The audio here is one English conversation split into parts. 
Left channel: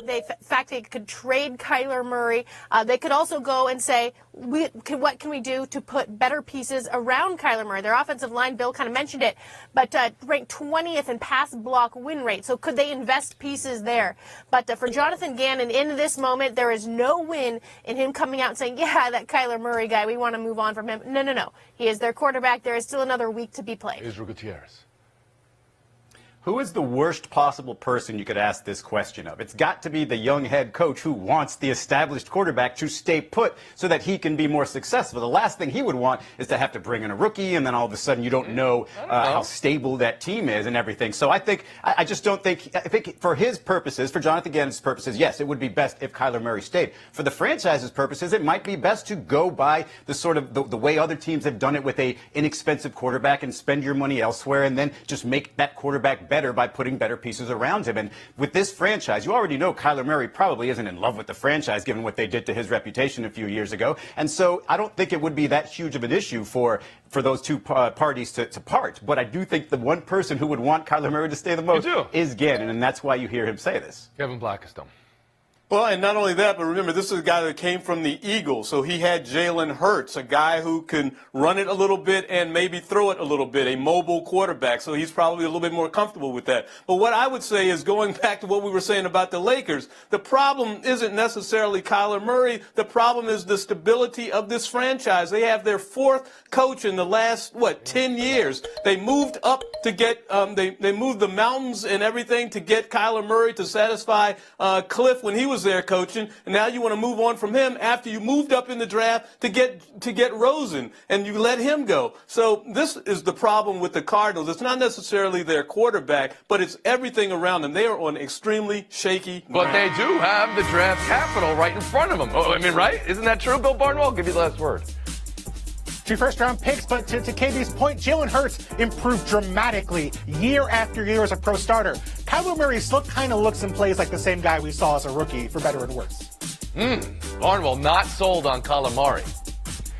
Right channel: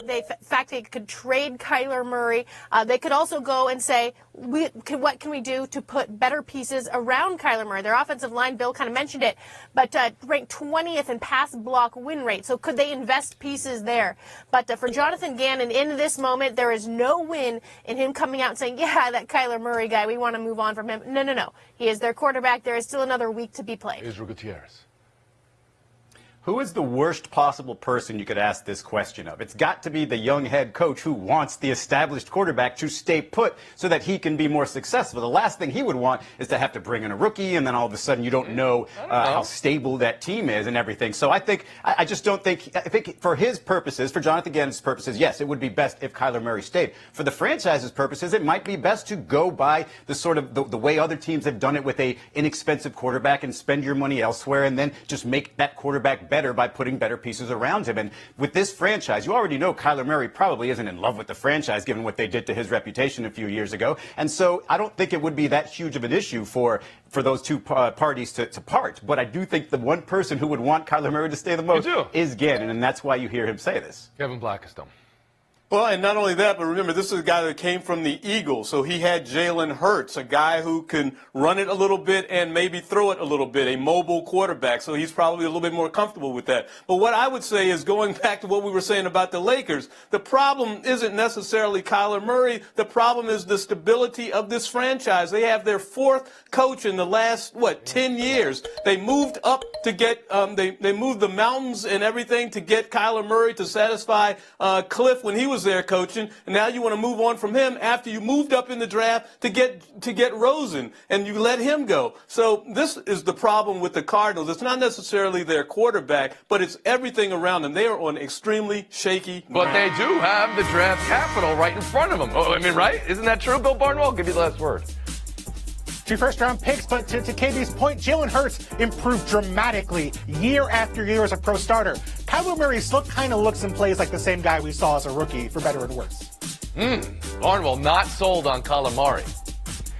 in fact, they could trade Kyler Murray. They could also go and say, what can we do to put better pieces around Kyler Murray? Their offensive line, Bill kind of mentioned it, but ranked 20th in pass block win rate. So could they invest pieces there? But for Jonathan Gannon, in this moment, there is no win in him coming out and saying, yeah, that Kyler Murray guy, we want to move on from him. No. He is their quarterback. There is still another week to be played. Israel Gutierrez. Who is the worst possible person you could ask this question of? It's got to be the young head coach who wants the established quarterback to stay put so that he can be more successful. The last thing he would want is to have to bring in a rookie, and then all of a sudden you don't know how stable that team is and everything. So I think, I think for his purposes, for Jonathan Gannon's purposes, yes, it would be best if Kyler Murray stayed. For the franchise's purposes, it might be best to go by the sort of the way other teams have done it with a inexpensive quarterback and spend your money elsewhere and then just make that quarterback better by putting better pieces around him. And with this franchise, you already know Kyler Murray probably isn't in love with the franchise given what they did to his reputation a few years ago. And so I don't think it would be that huge of an issue for those two parties to part. But I do think the one person who would want Kyler Murray to stay the most is Gannon, and that's why you hear him say this. Kevin Blackstone. Well, and not only that, but remember, this is a guy that came from the Eagles, so he had Jalen Hurts, a guy who can run it a little bit and maybe throw it a little bit, a mobile quarterback, so he's probably a little bit more comfortable with that. But what I would say is, going back to what we were saying about the Lakers, the problem isn't necessarily Kyler Murray. The problem is the stability of this franchise. They have their fourth coach in the last, 10 years. They moved up to get, they moved the mountains and everything to get Kyler Murray to satisfy Cliff when he was there coaching, and now you want to move on from him after you moved up in the draft to get Rosen, and you let him go. So this is the problem with the Cardinals. It's not necessarily their quarterback, but it's everything around them. They are on extremely shaky ground. But they do have the draft capital right in front of them. Oh, I mean, right? Isn't that true, Bill Barnwell? I'll give you the last word. 2 first-round picks, but to KD's point, Jalen Hurts improved dramatically year after year as a pro starter. Kyler Murray still kind of looks and plays like the same guy we saw as a rookie, for better or worse. Barnwell not sold on calamari.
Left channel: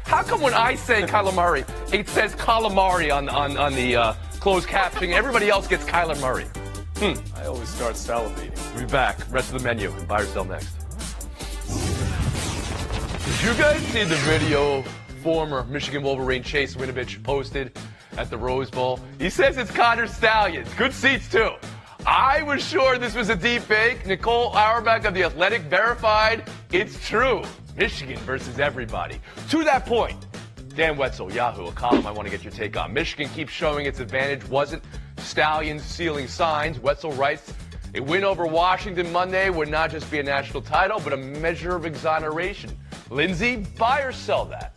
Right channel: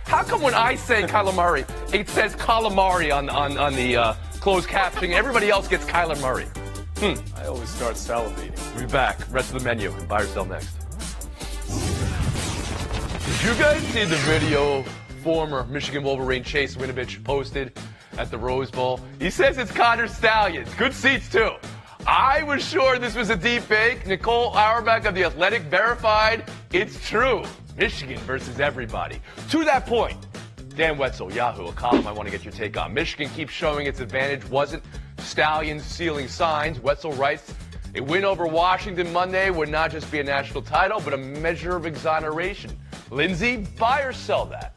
How come when I say calamari, it says calamari on the closed caption, everybody else gets Kyler Murray? I always start salivating. We'll be back. Rest of the menu and buy or sell next. Did you guys see the video former Michigan Wolverine Chase Winovich posted at the Rose Bowl? He says it's Connor Stallions. Good seats, too. I was sure this was a deep fake. Nicole Auerbach of The Athletic verified it's true. Michigan versus everybody. To that point, Dan Wetzel, Yahoo, a column I want to get your take on. Michigan keeps showing its advantage wasn't Stallions stealing signs. Wetzel writes, a win over Washington Monday would not just be a national title, but a measure of exoneration. Lindsay, buy or sell that?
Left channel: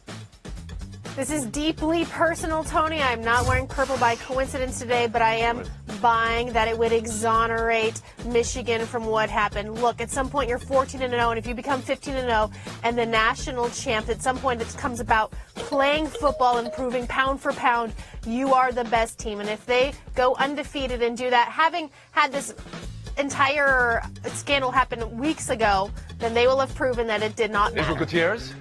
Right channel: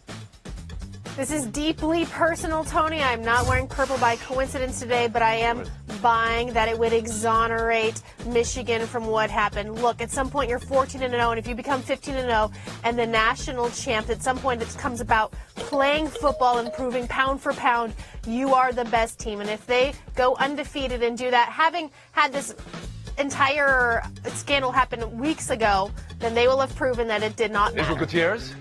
This is deeply personal, Tony. I'm not wearing purple by coincidence today, but I am buying that it would exonerate Michigan from what happened. Look, at some point you're 14-0, and if you become 15-0 and the national champ, at some point it comes about playing football and proving pound for pound you are the best team. And if they go undefeated and do that, having had this entire scandal happen weeks ago, then they will have proven that it did not matter. Israel Gutierrez?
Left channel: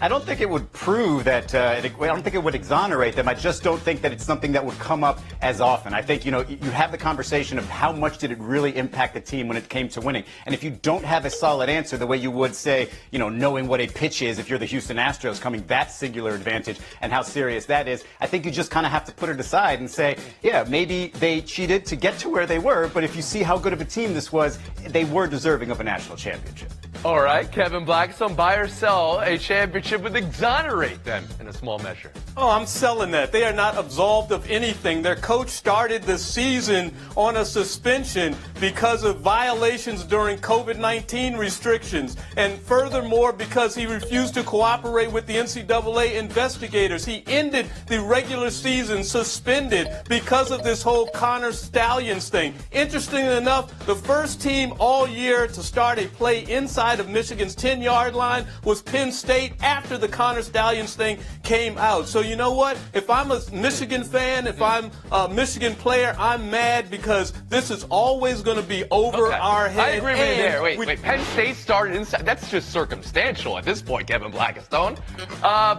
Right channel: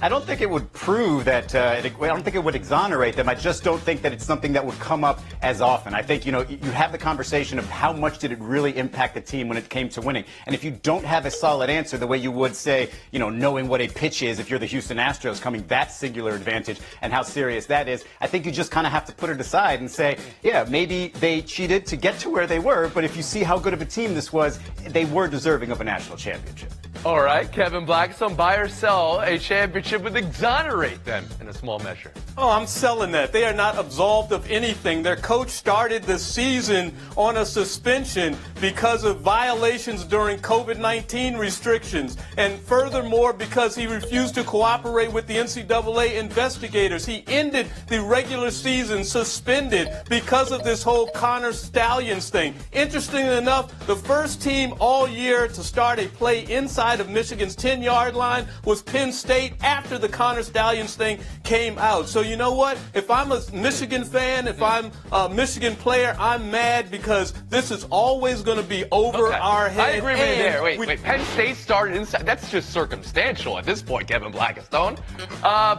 I don't think it would prove that, I don't think it would exonerate them. I just don't think that it's something that would come up as often. I think, you have the conversation of how much did it really impact the team when it came to winning. And if you don't have a solid answer the way you would say, knowing what a pitch is if you're the Houston Astros, coming that singular advantage and how serious that is, I think you just kind of have to put it aside and say, yeah, maybe they cheated to get to where they were, but if you see how good of a team this was, they were deserving of a national championship. All right, Kevin Blackstone, buy or sell a championship would exonerate them in a small measure. Oh, I'm selling that. They are not absolved of anything. Their coach started the season on a suspension because of violations during COVID-19 restrictions. And furthermore, because he refused to cooperate with the NCAA investigators. He ended the regular season suspended because of this whole Connor Stallions thing. Interestingly enough, the first team all year to start a play inside of Michigan's 10-yard line was Penn State after the Connor Stallions thing came out. So you know what? If I'm a Michigan fan, if I'm a Michigan player, I'm mad because this is always going to be over our head. I agree with you there. Wait. Penn State started inside. That's just circumstantial at this point, Kevin Blackstone.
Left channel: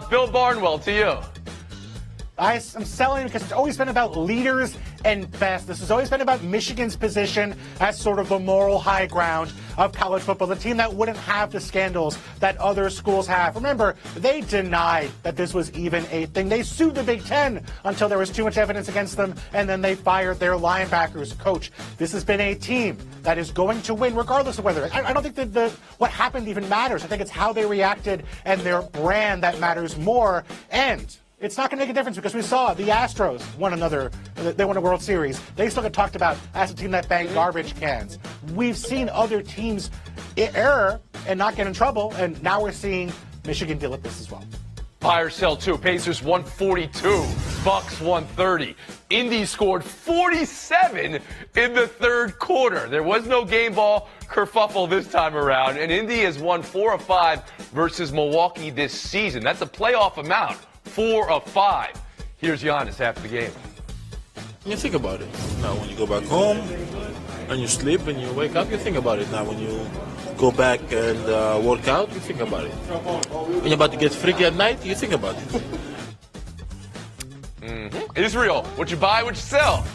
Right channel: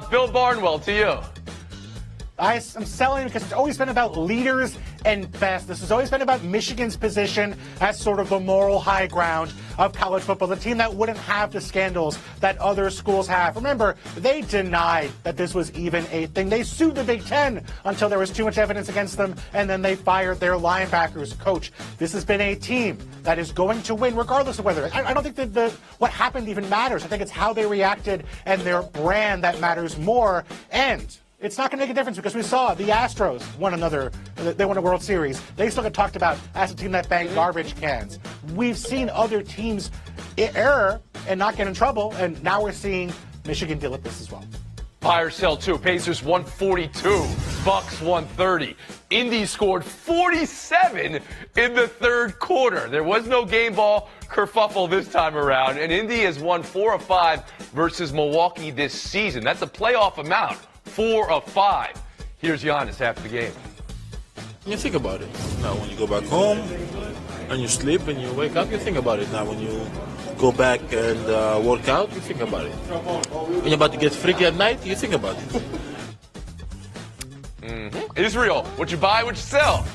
Bill Barnwell, to you. I'm selling because it's always been about leaders and best. This has always been about Michigan's position as sort of the moral high ground of college football, the team that wouldn't have the scandals that other schools have. Remember, they denied that this was even a thing. They sued the Big Ten until there was too much evidence against them, and then they fired their linebackers coach. This has been a team that is going to win regardless of whether. I don't think that what happened even matters. I think it's how they reacted and their brand that matters more. And it's not going to make a difference because we saw the Astros they won a World Series. They still get talked about as a team that banged garbage cans. We've seen other teams err and not get in trouble, and now we're seeing Michigan deal with this as well. Buy or sell too. Pacers 142, Bucks 130. Indy scored 47 in the third quarter. There was no game ball kerfuffle this time around, and Indy has won 4 of 5 versus Milwaukee this season. That's a playoff amount. 4 of 5. Here's Giannis after the game. You think about it. Now, when you go back home and you sleep and you wake up, you think about it. Now, when you go back and work out, you think about it. When you're about to get freaky at night, you think about it. Israel, what you buy, what you sell?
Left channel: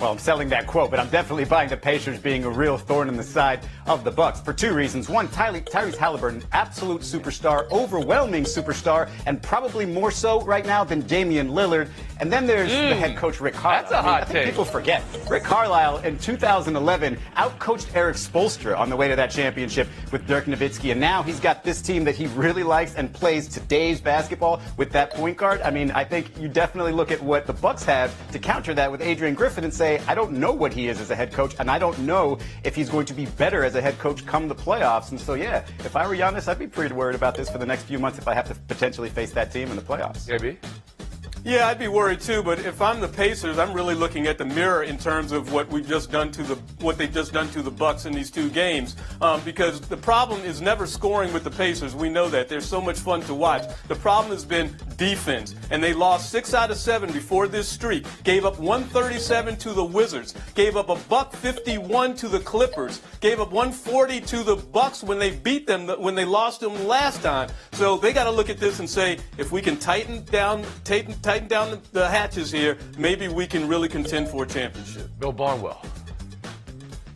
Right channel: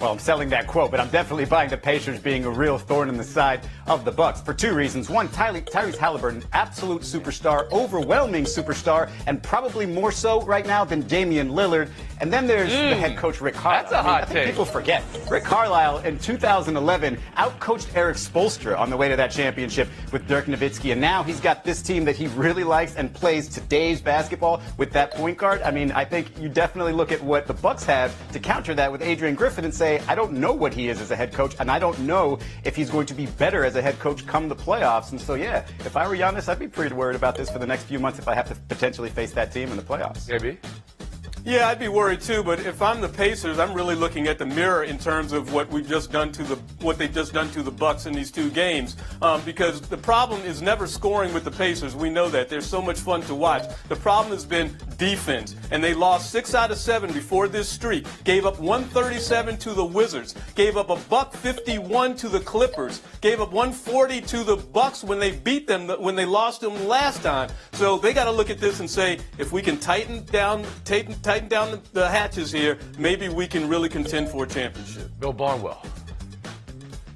Well, I'm selling that quote, but I'm definitely buying the Pacers being a real thorn in the side of the Bucks for 2 reasons. One, Tyrese Halliburton, absolute superstar, overwhelming superstar, and probably more so right now than Damian Lillard. And then there's the head coach, Rick Carlisle. That's a hot take. People forget. Rick Carlisle in 2011 outcoached Eric Spoelstra on the way to that championship with Dirk Nowitzki, and now he's got this team that he really likes and plays today's basketball with that point guard. I mean, I think you definitely look at what the Bucks have to counter that with Adrian Griffin and say, I don't know what he is as a head coach, and I don't know if he's going to be better as a head coach come the playoffs. And so, yeah, if I were Giannis, I'd be pretty worried about this for the next few months if I have to potentially face that team in the playoffs. JB? Yeah, I'd be worried too, but if I'm the Pacers, I'm really looking at the mirror in terms of what they've just done to the Bucks in these 2 games. Because the problem is never scoring with the Pacers. We know that. They're so much fun to watch. The problem has been defense, and they lost 6 out of 7 before this streak. Gave up 137 to the Wizards. Gave up a $151 to the Clippers. Gave up 140 to the Bucks when they beat them, when they lost them last time. So they got to look at this and say, if we can tighten down the hatches here, maybe we can really contend for a championship. Bill Barnwell.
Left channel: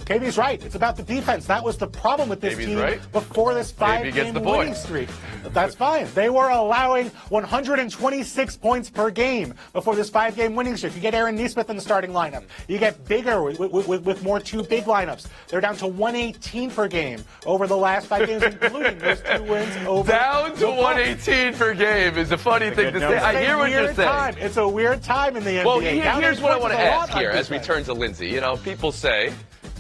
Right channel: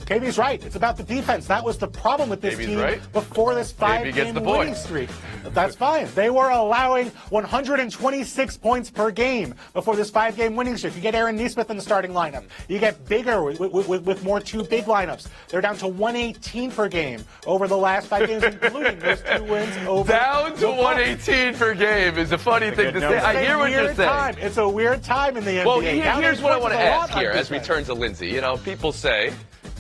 KB's right. It's about the defense. That was the problem with this KB's team right. before this KB gets 5-game the winning point. streak. That's fine. They were allowing 126 points per game before this 5-game winning streak. You get Aaron Nesmith in the starting lineup. You get bigger with more 2 big lineups. They're down to 118 per game over the last 5 games, including those 2 wins over. Down to 118 per game is a funny thing to say. I hear what you're saying. It's a weird time in the NBA. Well, here's what I want to ask here as we turn to Lindsay. You know, people say,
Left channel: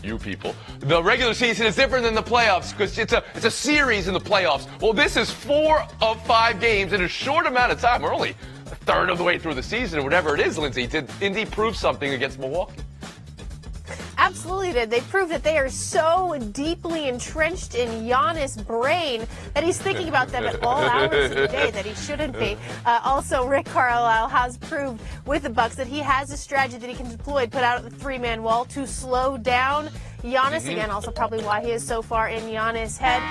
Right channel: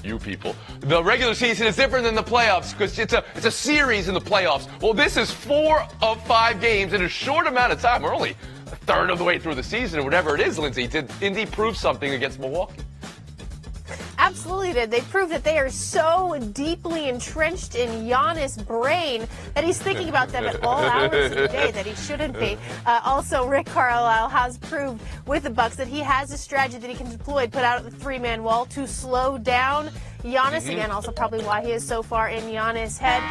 you people, the regular season is different than the playoffs because it's a series in the playoffs. Well, this is 4 of 5 games in a short amount of time. We're only a third of the way through the season or whatever it is, Lindsay. Did Indy prove something against Milwaukee? Absolutely did. They proved that they are so deeply entrenched in Giannis' brain that he's thinking about them at all hours of the day that he shouldn't be. Also, Rick Carlisle has proved with the Bucks that he has a strategy that he can deploy, put out the 3-man wall to slow down Giannis. Again, also probably why he is so far in Giannis' head.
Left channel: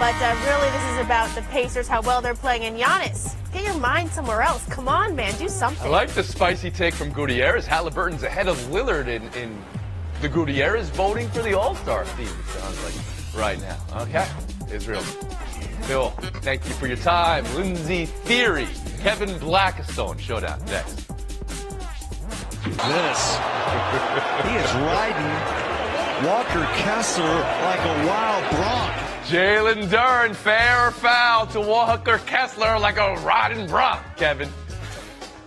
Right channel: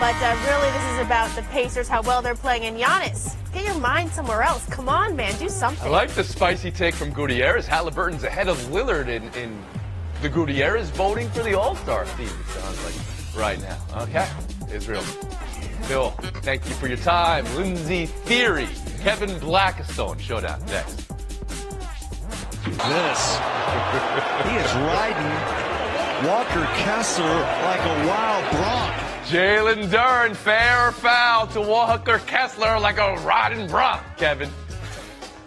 But really, this is about the Pacers, how well they're playing. And Giannis, get your mind somewhere else. Come on, man, do something. I like the spicy take from Gutierrez. Halliburton's ahead of Lillard in the Gutierrez voting for the All-Star team, it sounds like, right now. Okay, Israel. Bill, thank you for your time. Lindsay Theory, Kevin Blackstone, showdown next. This, he is riding Walker Kessler like a wild bronc. Jalen Duren, fair or foul to Walker Kessler like a riding bronc, Kevin.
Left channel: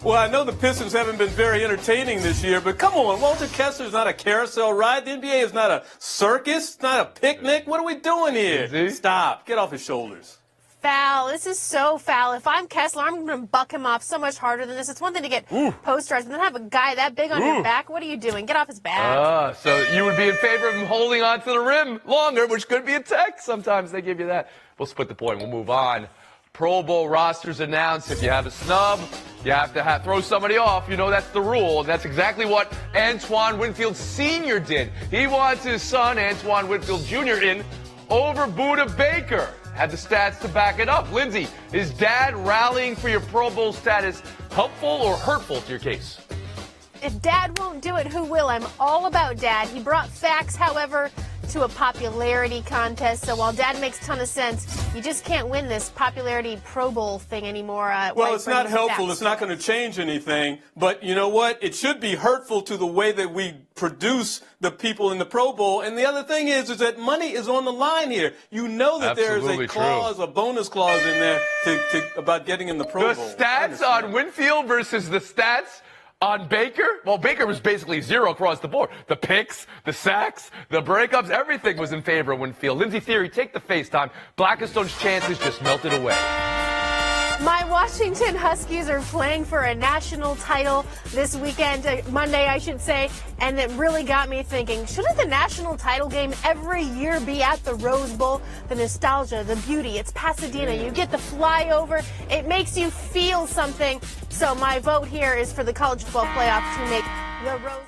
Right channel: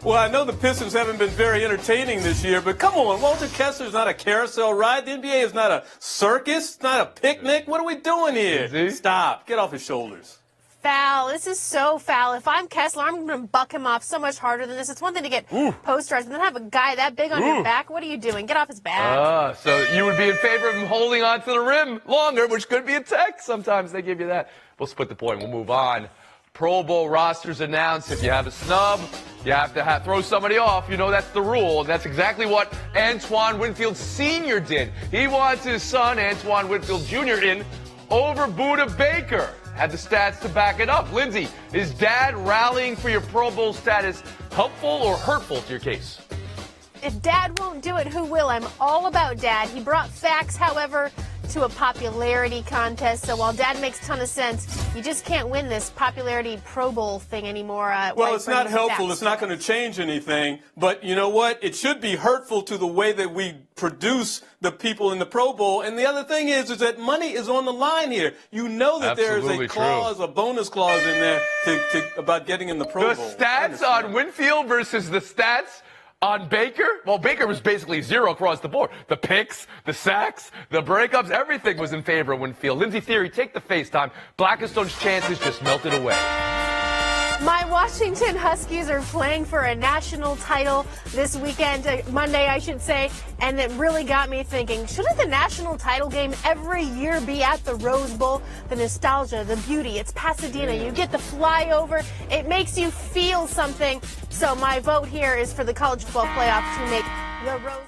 Well, I know the Pistons haven't been very entertaining this year, but come on, Walter Kessler's not a carousel ride. The NBA is not a circus. It's not a picnic. What are we doing here? Stop. Get off his shoulders. Foul. This is so foul. If I'm Kessler, I'm going to buck him off so much harder than this. It's one thing to get posters and then have a guy that big on your back. What are you doing? Get off his back. So you would be in favor of him holding on to the rim longer, which could be a tech. Sometimes they give you that. We'll split the point. We'll move on. Pro Bowl rosters announced. If you have a snub, you have to throw somebody off. You know that's the rule. That's exactly what Antoine Winfield Sr. did. He wants his son, Antoine Winfield Jr., in over Buda Baker. had the stats to back it up. Lindsay, is Dad rallying for your Pro Bowl status helpful or hurtful to your case? If Dad won't do it, who will? I'm all about Dad. He brought facts, however, to a popularity contest. So while Dad makes a ton of sense, you just can't win this popularity Pro Bowl thing anymore. Well, it's not helpful. It's not going to change anything. But you know what? It should be hurtful to the way that we produce the people in the Pro Bowl. And the other thing is that money is on the line here. You know that there is a clause, a bonus clause in there about getting in the Pro Bowl. The stats on Winfield versus the stats on Baker? Well, Baker was basically zero across the board. The picks, the sacks, the breakups, everything was in favor of Winfield. Lindsay Theory, take the FaceTime. Blackstone's chances just melted away. My Washington Huskies are playing for a national title this weekend, Monday, I should say, and it really got me thinking, shouldn't the national title game every year be at the Rose Bowl? The nostalgia, the beauty, it's Pasadena. You get the flyover. It makes you feel something. So my vote here is for the college football playoff to make the Rose